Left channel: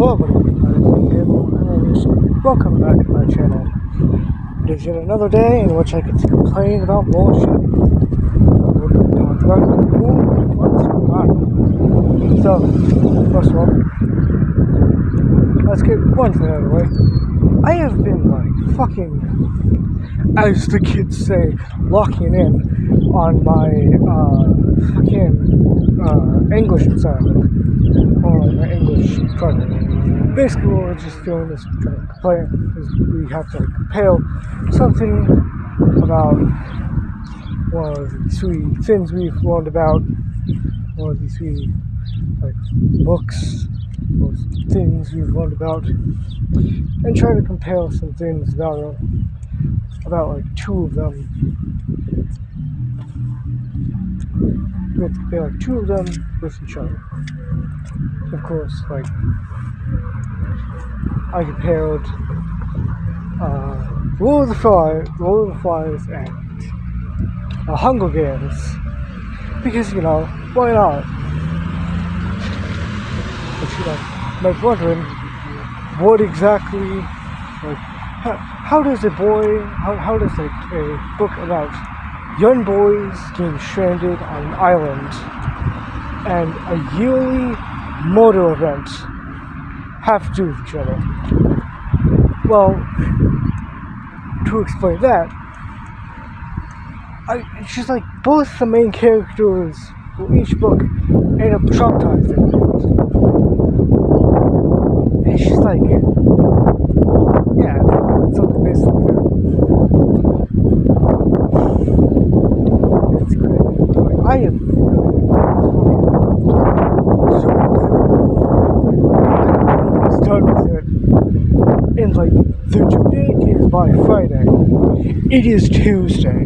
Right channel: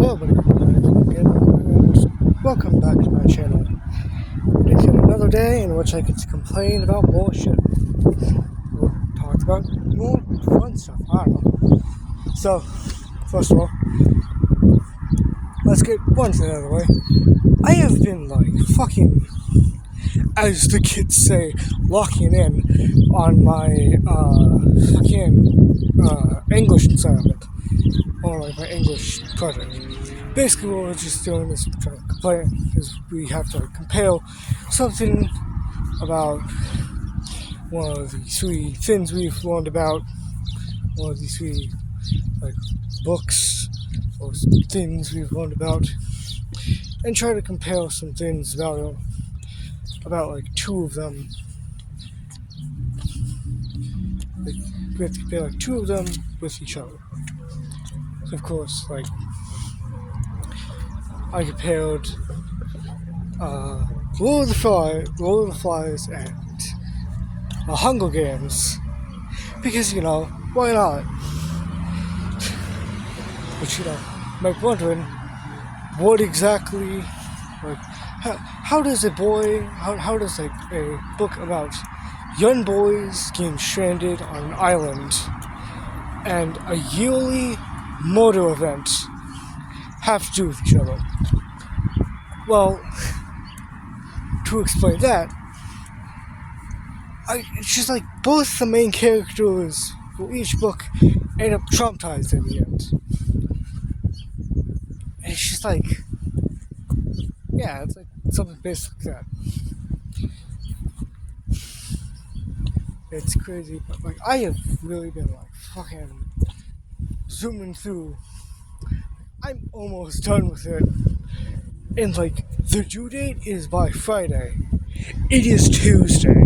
Hello everybody, and welcome back to my channel. It is yet another day in which I can complain about bullshit. Talk about more fun stuff. I don't know. So, first of all, let's get one thing out of the way. I have been fucking, as the kids say, locking in on my English assignment, or my English project. Basically, what we're just doing is trying to complain, is we have to compare something about one of the three things we've learned about, one of these three books, or things we've learned about, and try to compare some things about two of them. We have to compare two of them with each other. So of course, I compared Lord of the Flies, and Hunger Games, because why not? But might be wondering, what exactly, how does a book about young boys getting stranded on an island and a yearly murder event have to do with each other? Well, to explain that, it's just both the main characters for each book end up traumatized at the end. It's just it's something basically that. It's crazy. I am fucking zoomed through. I'm almost done with it. And the due date is by Friday. It is Tuesday.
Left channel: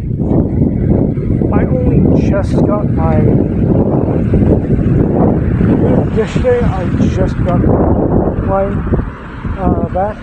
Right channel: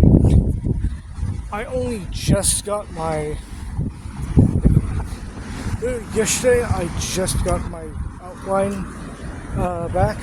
I only just got yesterday I just got mine back.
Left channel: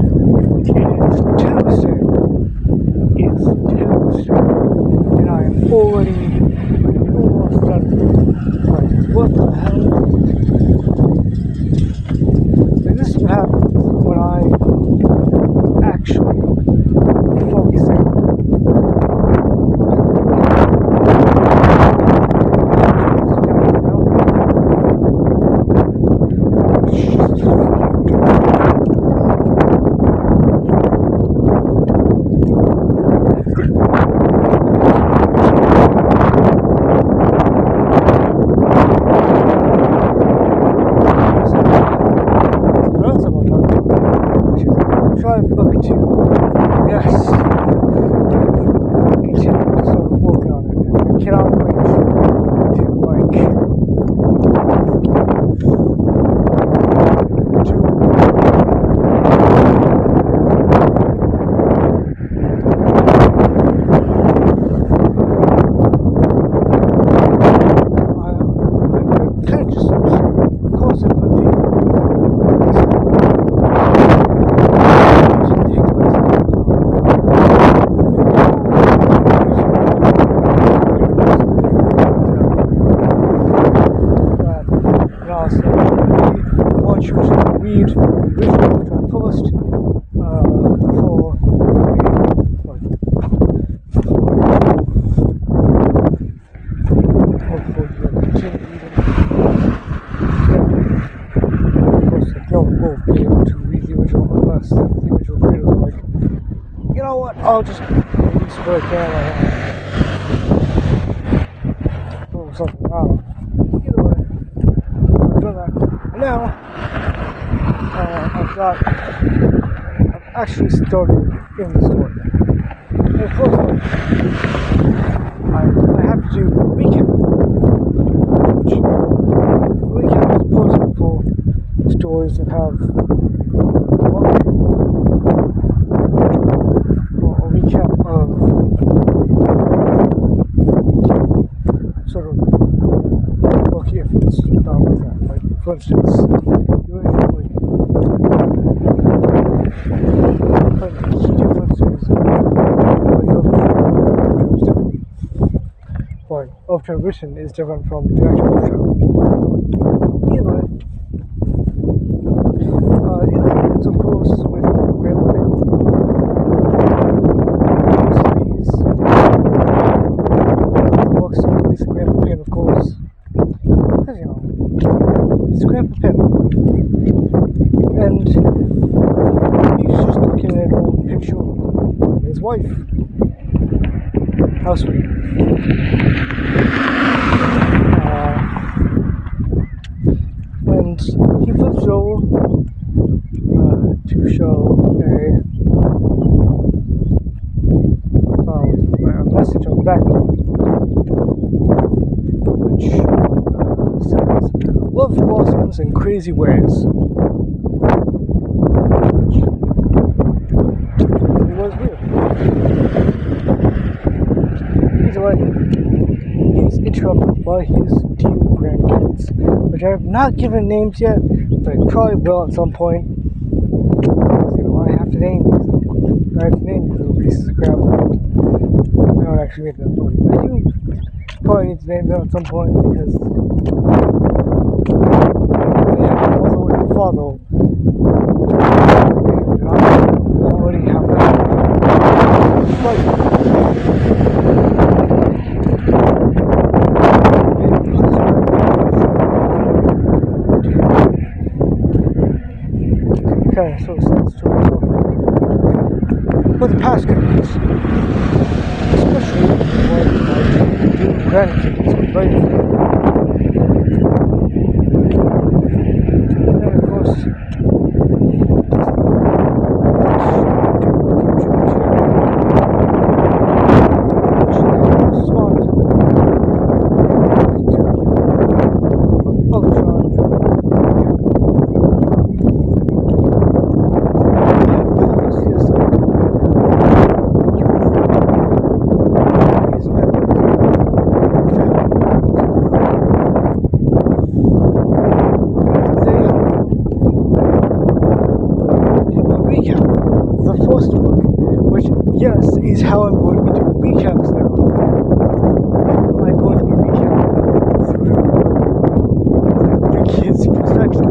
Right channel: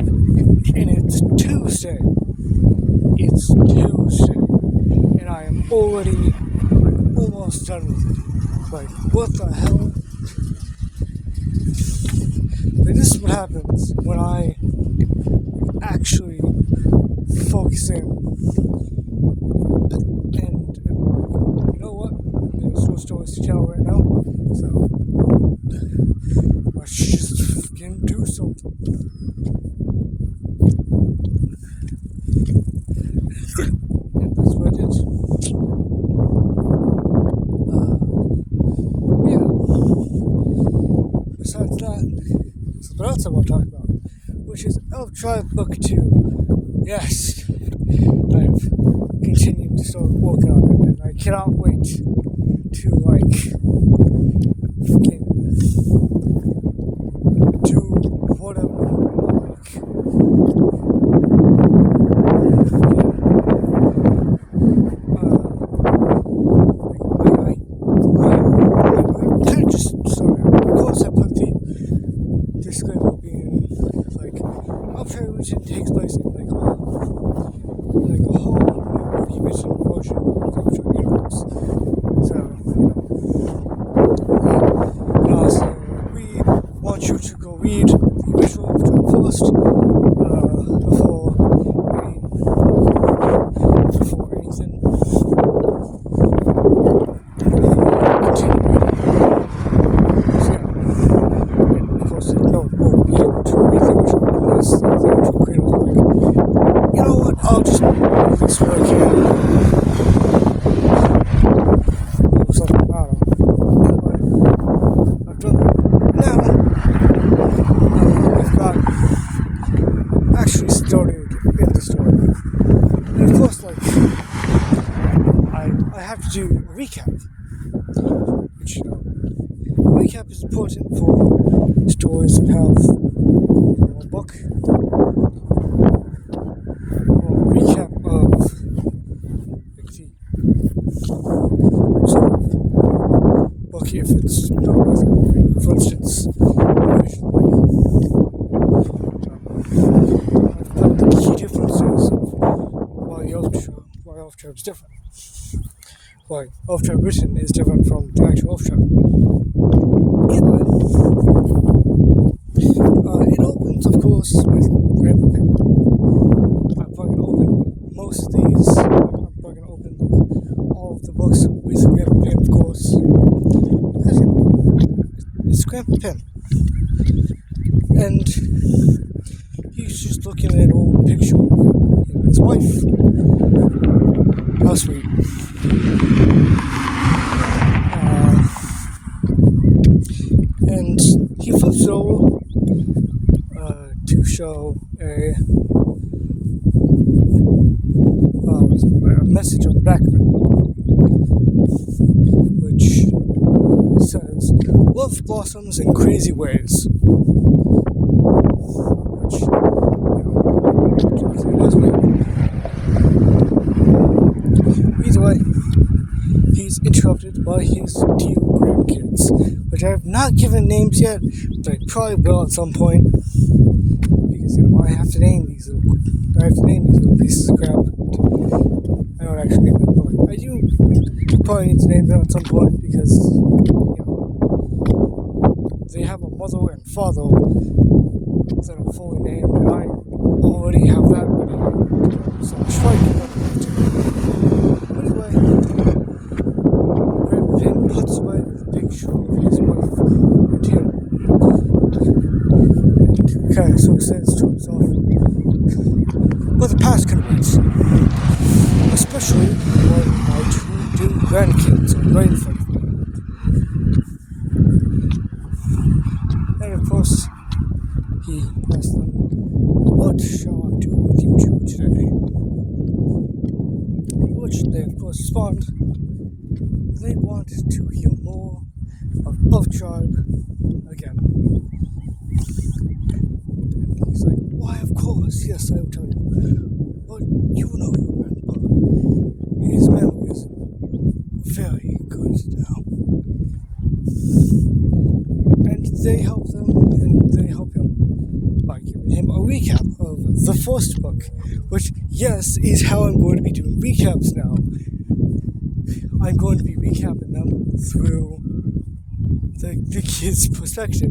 And and I'm already almost done with it. What the hell? This is what happens when I actually focus in. Which is Elf Tribe Book 2. Yes, I've continued to start working on it, and I cannot wait to which you can read the issue of Tribe first I'll just do this work here or something. I've done that. Now, I've got actually started in the story. And of course, I have to do a recap, which a recap is important for stories that have a book. If it's not working, for instance, the key differences why Elf Tribe Rewritten is different from the actual Elf Tribe. It happens, of course, with Grandma Pig. Most of these the books with Grandma Pig, of course. As you know, it's Grandpa Pim. And he's just looking at an old picture of his wife. How sweet. And he flips it over to show a message on the back of it, which says, "Love blossoms in crazy ways." Which was me. Either way, he's interrupted by his two grandkids, which I have not given names yet, but I probably will at some point. Because, I have to name these little pieces of crap. I don't actually name them, but I do probably need to name them at some point because they have a mother and a father name, and I already have that. So it's like then puts away the picture of his wife and kind of sort of says to himself, but the past could have especially when my two grandkids are ready for it. And of course, he asks them, what shall I do with you two today? Which they respond, they want to hear more of Tribe again. He said, of course, yes, I do. You know his memories very good. And they help him a recap of the first book, which, yes, is how I'm going to be doing recaps now. I'm going to be recapping them through the kid's perspective.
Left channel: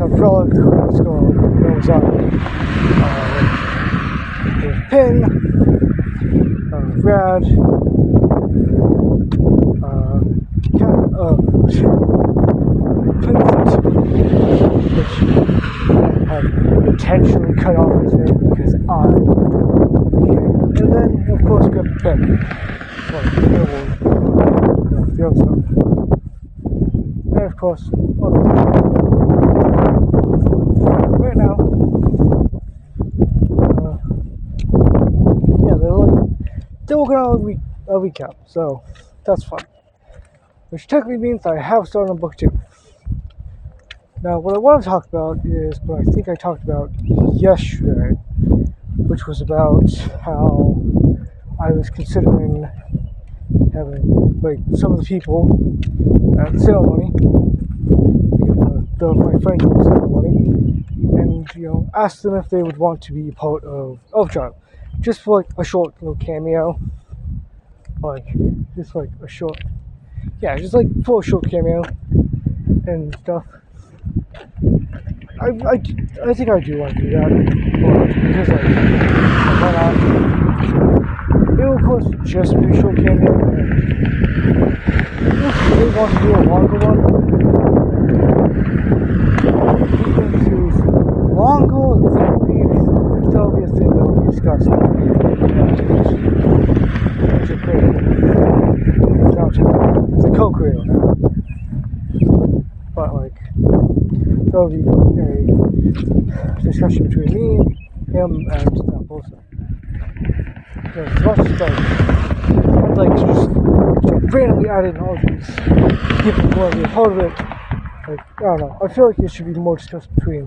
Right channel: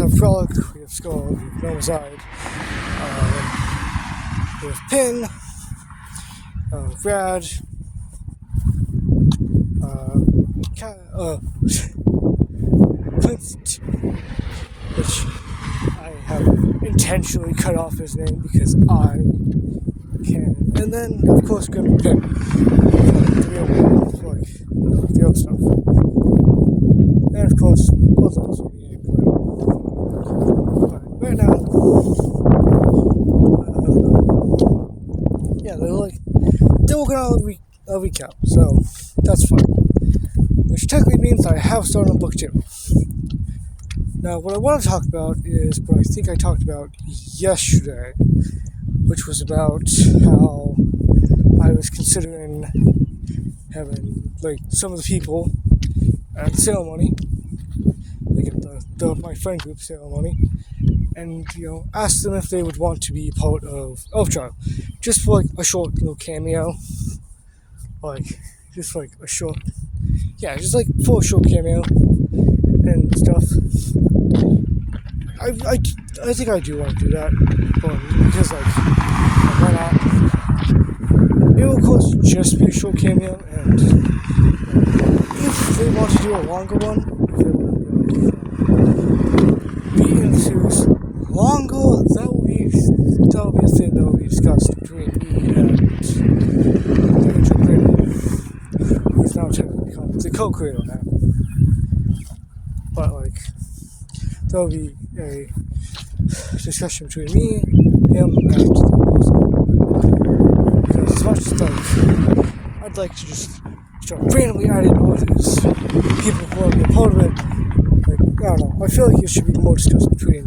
Of frolic, what's going on, knows out. With Pin, Brad, Vincent, which I have intentionally cut off his name because I can. And then, of course, grab the pen. The other stuff. And, of course, right now, they're working on a recap, so that's fine. Which technically means I have started on book 2. Now, what I want to talk about is what I think I talked about yesterday, which was about how I was considering having, some of the people at the ceremony, my friend group ceremony, and, ask them if they would want to be part of Elf Tribe, just for, a short little cameo, just for a short cameo and stuff. I think I do want to do that, because why not? It will cost just be a short cameo, and if they want to do a longer one, being series longer, that'll be a thing that will be discussed between who's now the co-creator. But there'll be a discussion between me, him, and the person. Because as much as I'd like to just randomly add in all these people who want to be a part of it, I don't know, I feel like it should be more discussed between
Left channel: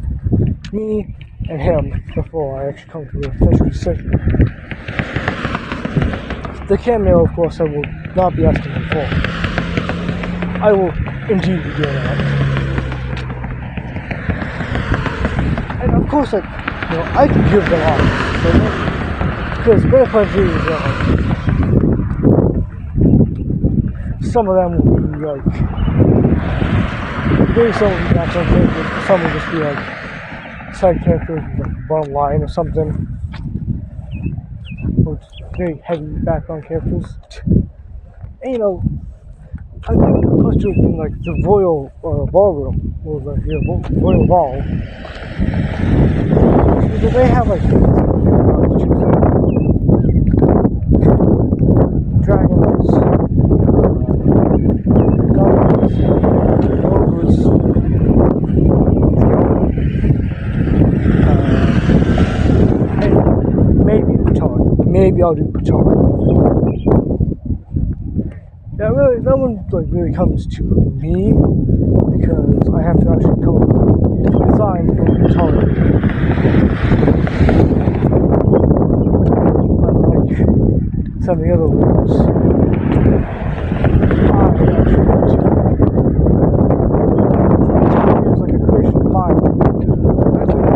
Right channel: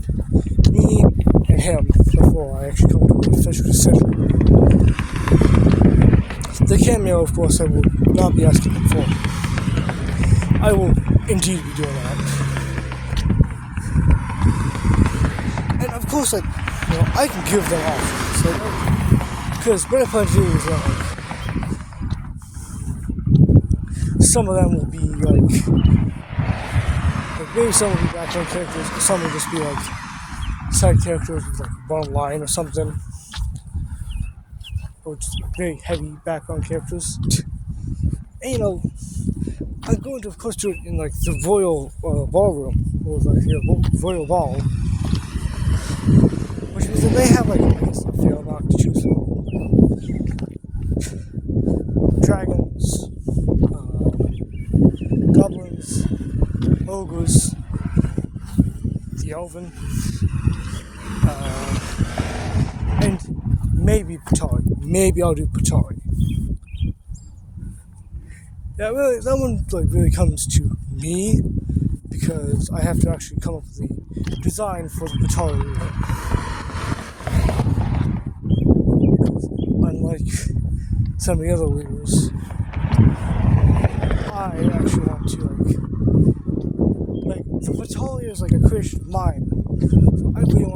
me and him before I actually come to an official decision. The cameo, of course, I will not be asking him for. I will indeed be doing that. And of course, I can give them options. Because what I plan to do is some of them will be maybe some will be background characters, some will just be side characters with one line or something. Or just very heavy background characters. And I'm going to, of course, do it in the royal ballroom, or the royal ball, which means that they have something about to choose from. Dragons, goblins, ogres, the elves, and maybe Picard. Maybe I'll do Picard. Yeah, really, that one really comes to me because I have to actually come up with the design for the guitar. Unlike some of the other leaders, I actually want to the guitar is a creation of mine. I really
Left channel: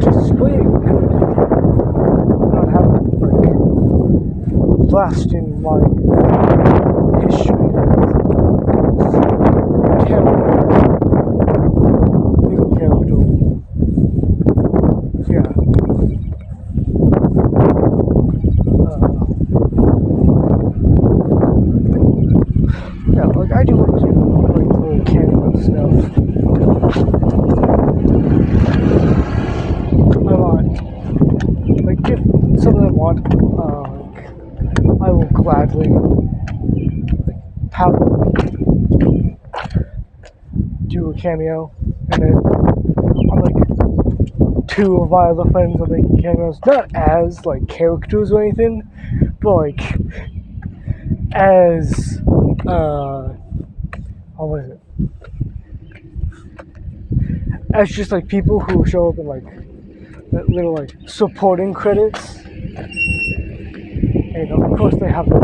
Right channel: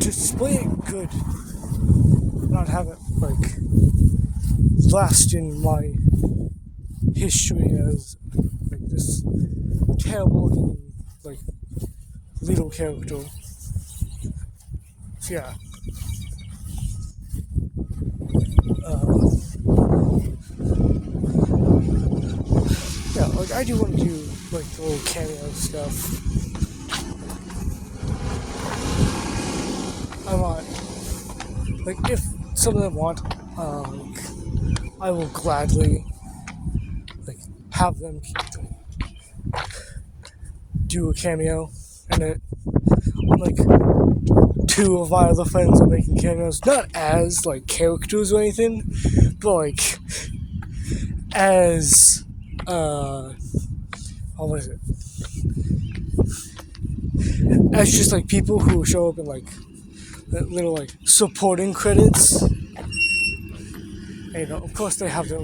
to display it good, not have it last in my history as this terrible little character. So yeah. I do want to do little cameo stuff. I want, if some of them want, I will gladly have them do a cameo in it. Two of my other friends are making cameos, not as characters or anything, but as what is it? As just people who show up in little supporting credits. And of course they have the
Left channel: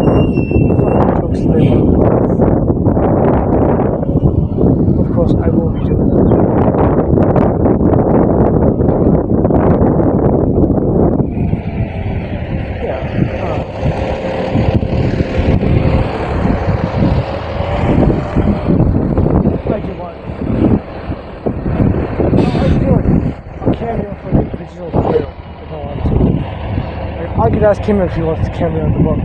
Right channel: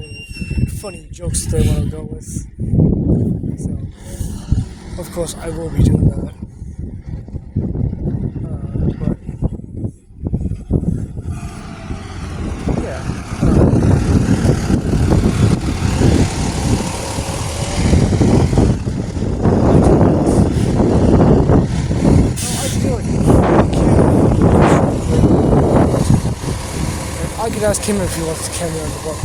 funny jokes they work with. So, of course I will be doing that. I could ask him if he wants to cameo in the book.